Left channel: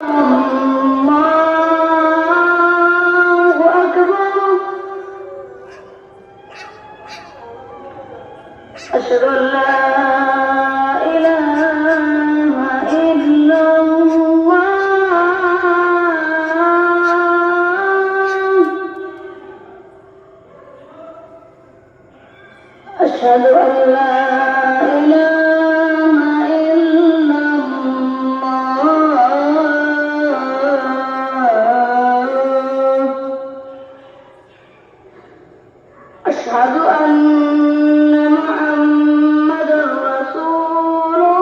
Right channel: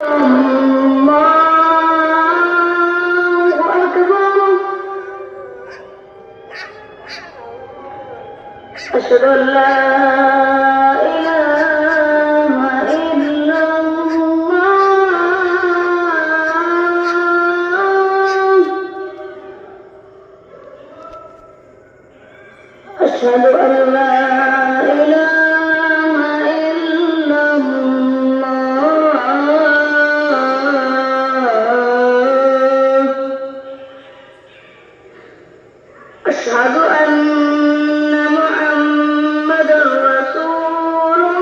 الله أكبر. أشهد أن لا إله إلا الله. أشهد أن لا إله إلا الله. أشهد أن